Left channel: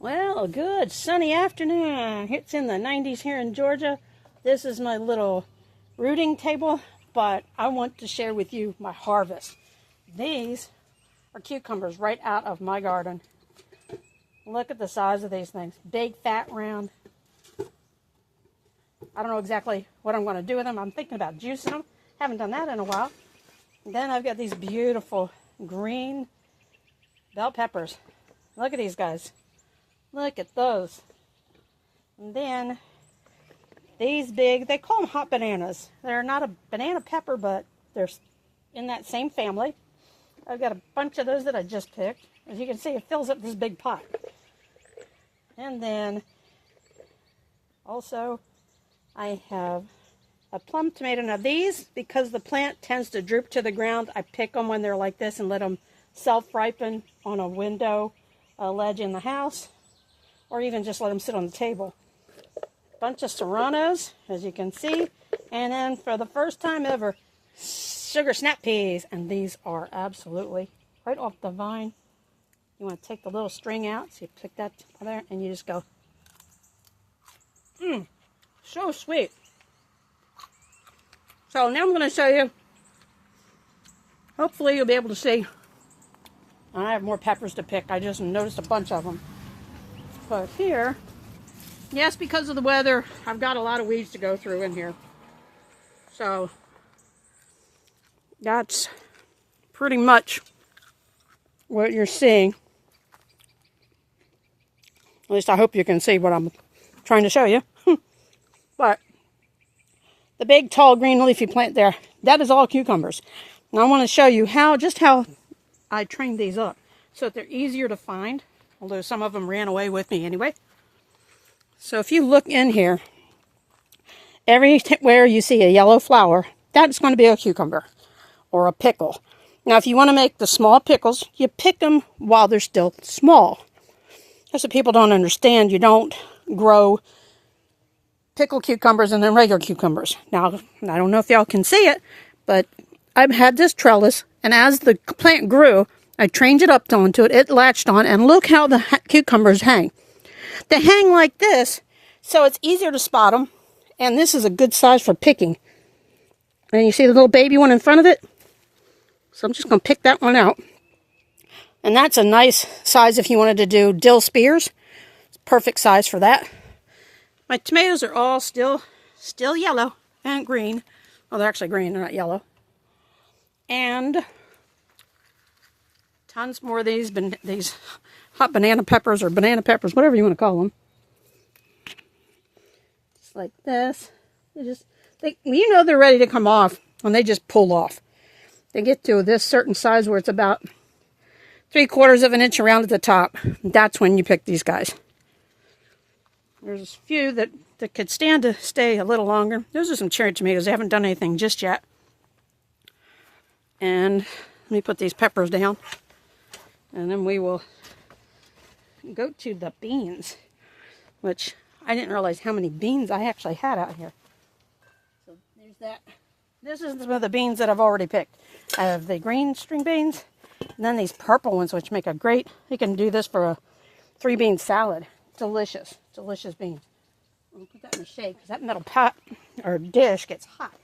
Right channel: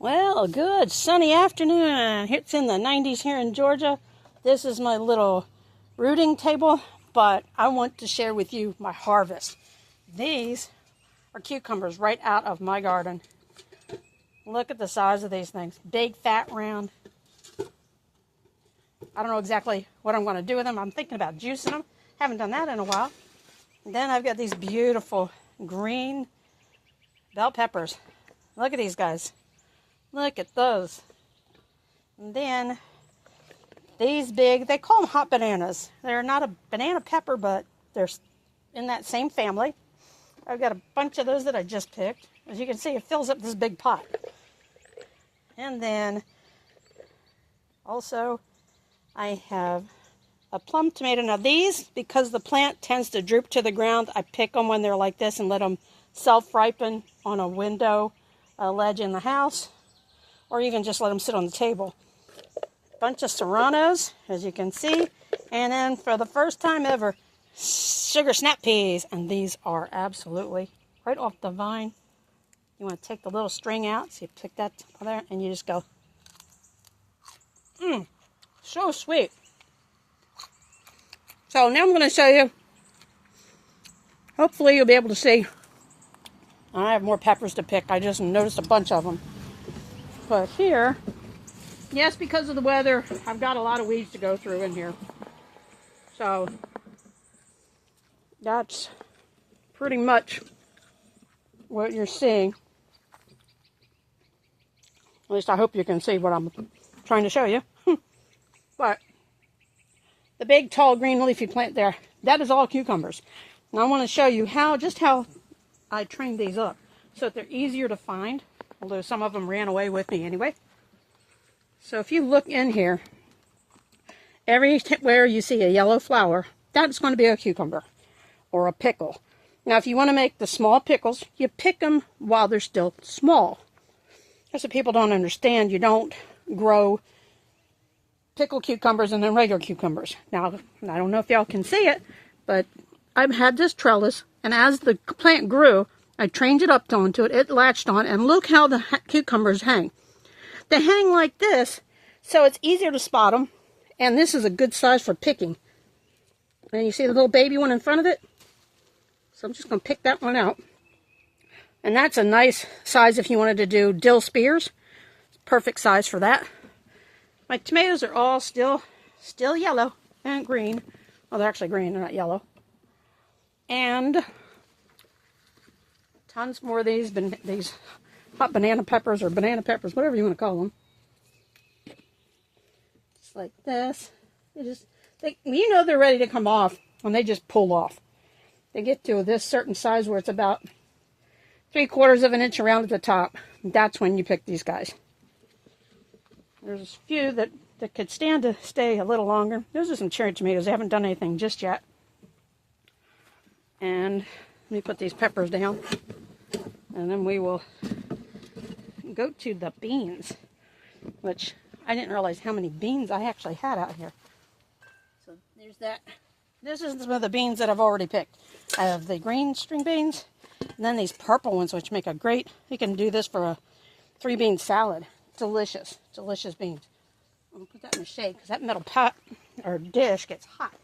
Well, a good sunny afternoon. It's in the 90s here in Georgia. This is my little rooting table, but I want to share with you my harvest. These are cucumbers right out of my garden. Look at the size of these things. Big, fat, round. I don't know exactly what I'm going to do with them. I'm thinking about juicing them. Haven't done that in a while. And then I've got these beautiful green bell peppers. Look at these guys. Look at those. And then these big, they call them hot bananas. They're not a banana pepper, but they're in that same family. I've got a bunch of those that I just picked. As you can see, it fills up this big pot. And then also I have a plum tomato. Now these, because the plant tends to droop to the ground, I pick them when they're like this and let them self-ripen on a window ledge in the house. Or even just let them sit on the table. Bunch of serranos, as you can see. And then for the first time ever, sugar snap peas. And these are absolutely right off the vine. You want to take the little string out, so you pick that there, and you just go. So sweet. So now I'm going to show you. Hopefully you'll be able to see. I have more peppers to pick. I just noticed a bunch of them. But here, yes, because of the weather, I've got a lot of weeds to go through in here. So that's pretty much what you're seeing. At least I hope you can see what I'm trying to show you. But the big, tall, green leafy plant there, that is all cucumbers. And I want to show you just how I trained these up so that they're easier to find. Although some of them ran away with me anyway. So if you look in here, everywhere you see a yellow flower, that's going to be a cucumber or a pickle. Now if you want to make the small pickles, you pick them while they're still small. That's what people don't understand. You don't grow pickled cucumbers and then regular cucumbers. Now, I don't know if y'all can see it, but I've had this trellis, and as the plant grew, I trained it up onto it. It latched on, and look how the cucumbers hang. They hang like this, so it's easier to spot them. And this is a good size for picking. And you see the little baby one in front of it? So I'm just going to pick that one out. And that's a nice size if you wanted to do dill spears. It's perfect size for that. My tomatoes are all still yellow and green. Well, they're actually green, they're not yellow. And tons more of these hot banana peppers or banana peppers, whatever you want to call them. Just like this. You know they're ready to come off when they just pull off. They get to this certain size where it's about 3/4 of an inch around at the top. That's when you pick these guys. There's a few that could stand to stay a little longer. Those are some cherry tomatoes. They haven't done anything just yet. And let me put these peppers down. And then we will go to the beans, which I didn't realize how many beans I actually had out here. So there's that. This is some of the beans that I've already picked. I have the green string beans, and then these purple ones, which make a great, you can do this for a 3-bean salad. Delicious, delicious beans. I'm going to put that in the shade because that metal pot or dish gets hot.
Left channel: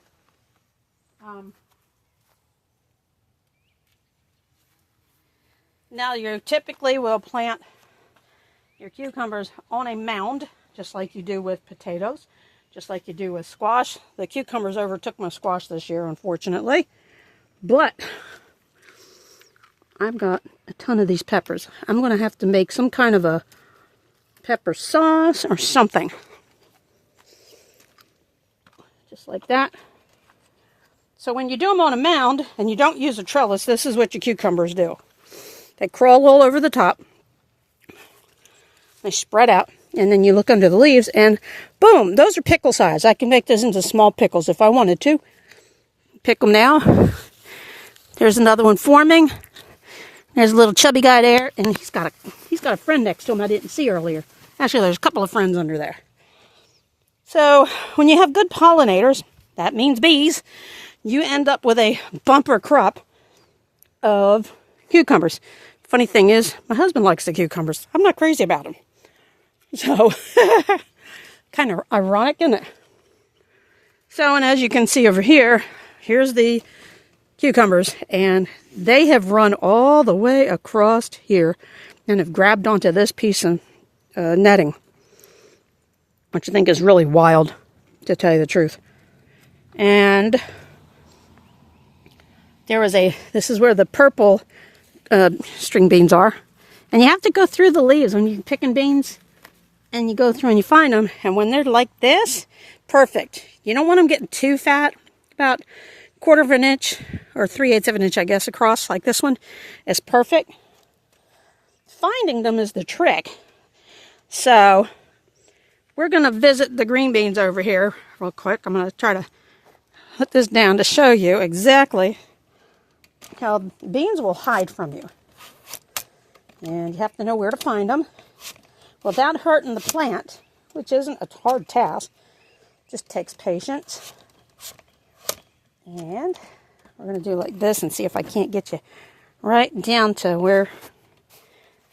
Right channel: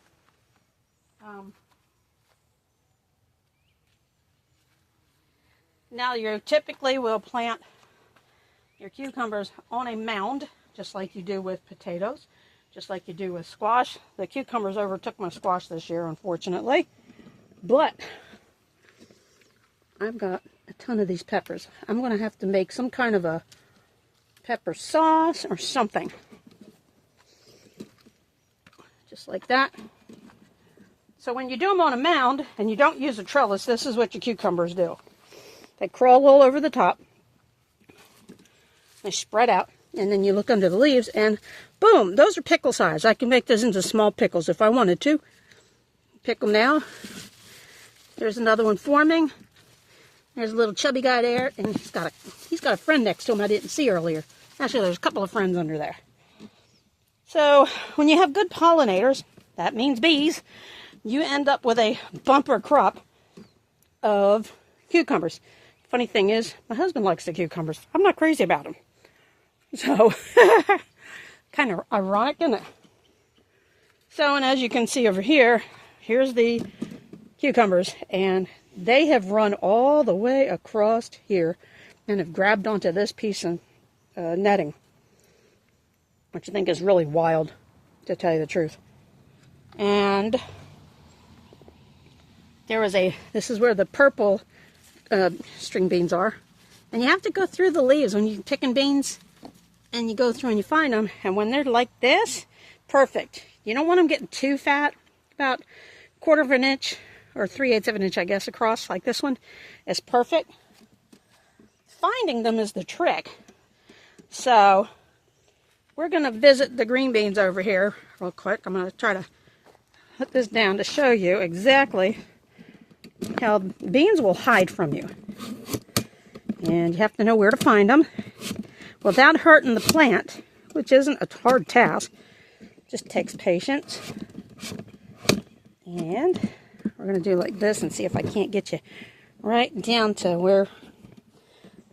Now you typically will plant your cucumbers on a mound, just like you do with potatoes, just like you do with squash. The cucumbers overtook my squash this year, unfortunately. But I've got a ton of these peppers. I'm going to have to make some kind of a pepper sauce or something. Just like that. So when you do them on a mound and you don't use a trellis, this is what your cucumbers do. They crawl all over the top. They spread out. And then you look under the leaves and boom, those are pickle size. I can make those into small pickles if I wanted to. Pick them now. There's another one forming. There's a little chubby guy there, and he's got a friend next to him I didn't see earlier. Actually, there's a couple of friends under there. So when you have good pollinators, that means bees, you end up with a bumper crop of cucumbers. Funny thing is, my husband likes the cucumbers. I'm not crazy about them. So, kind of ironic, isn't it? So, and as you can see over here, here's the cucumbers, and they have run all the way across here and have grabbed onto this piece of netting, which I think is really wild, to tell you the truth. And there was this is where the purple string beans are, and you have to go through the leaves when you're picking beans, and you go through and you find them, and when they're like this, perfect. You don't want them getting too fat, about 1/4 of an inch or 3/8 of an inch, I guess, across, like this one is perfect. Finding them is the trick. So we're going to visit the green beans over here real quick. I'm going to try to put this down to show you exactly how beans will hide from you. And you have to know where to find them without hurting the plant, which isn't a hard task. Just takes patience. And we're going to do like this and see if I can't get you right down to where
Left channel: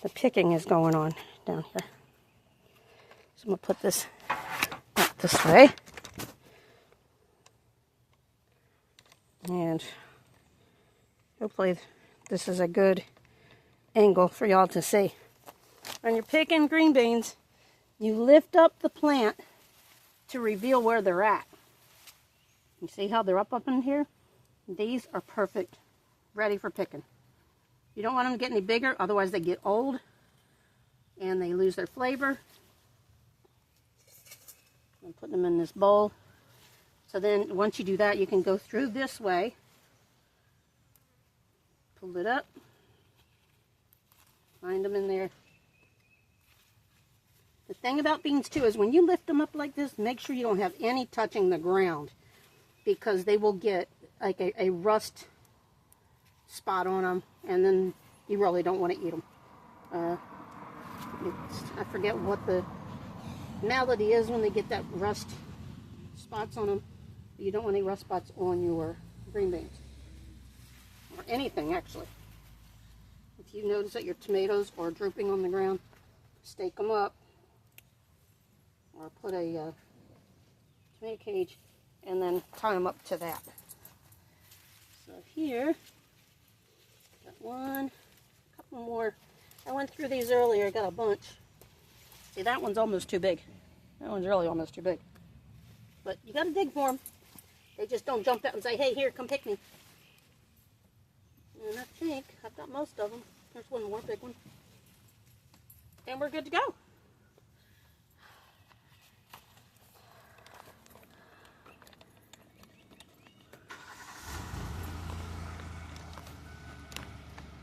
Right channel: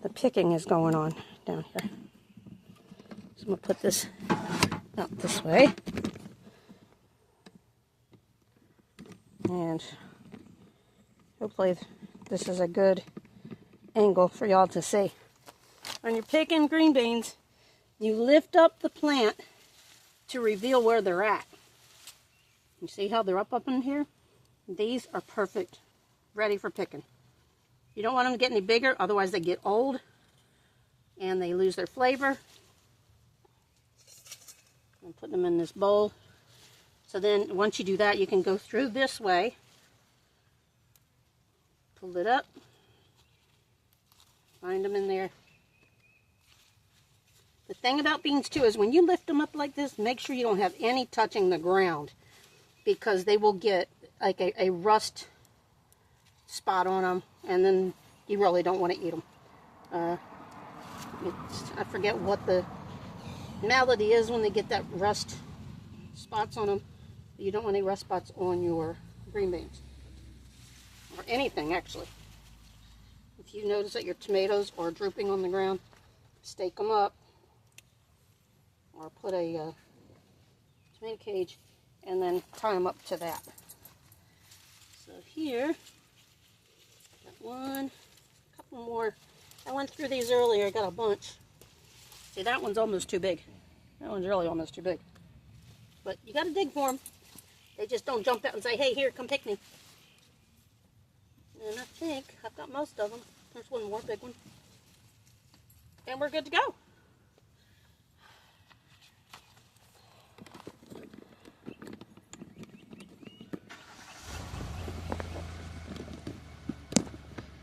the picking is going on down here. So I'm going to put this up this way. And hopefully this is a good angle for y'all to see. When you're picking green beans, you lift up the plant to reveal where they're at. You see how they're up in here? These are perfect, ready for picking. You don't want them to get any bigger, otherwise they get old and they lose their flavor. I'm putting them in this bowl. So then once you do that, you can go through this way, pull it up, find them in there. The thing about beans too is when you lift them up like this, make sure you don't have any touching the ground, because they will get like a rust spot on them, and then you really don't want to eat them. I forget what the malady is when they get that rust spots on them. You don't want any rust spots on your green beans, or anything actually. If you notice that your tomatoes are drooping on the ground, stake them up, or put a tomato cage and then tie them up to that. So here, got one, a couple more. I went through these earlier, I got a bunch. See, that one's almost too big. That one's really almost too big. But you got to dig for them. They just don't jump out and say, hey, here, come pick me. And I think I've got most of them. There's one more big one. And we're good to go.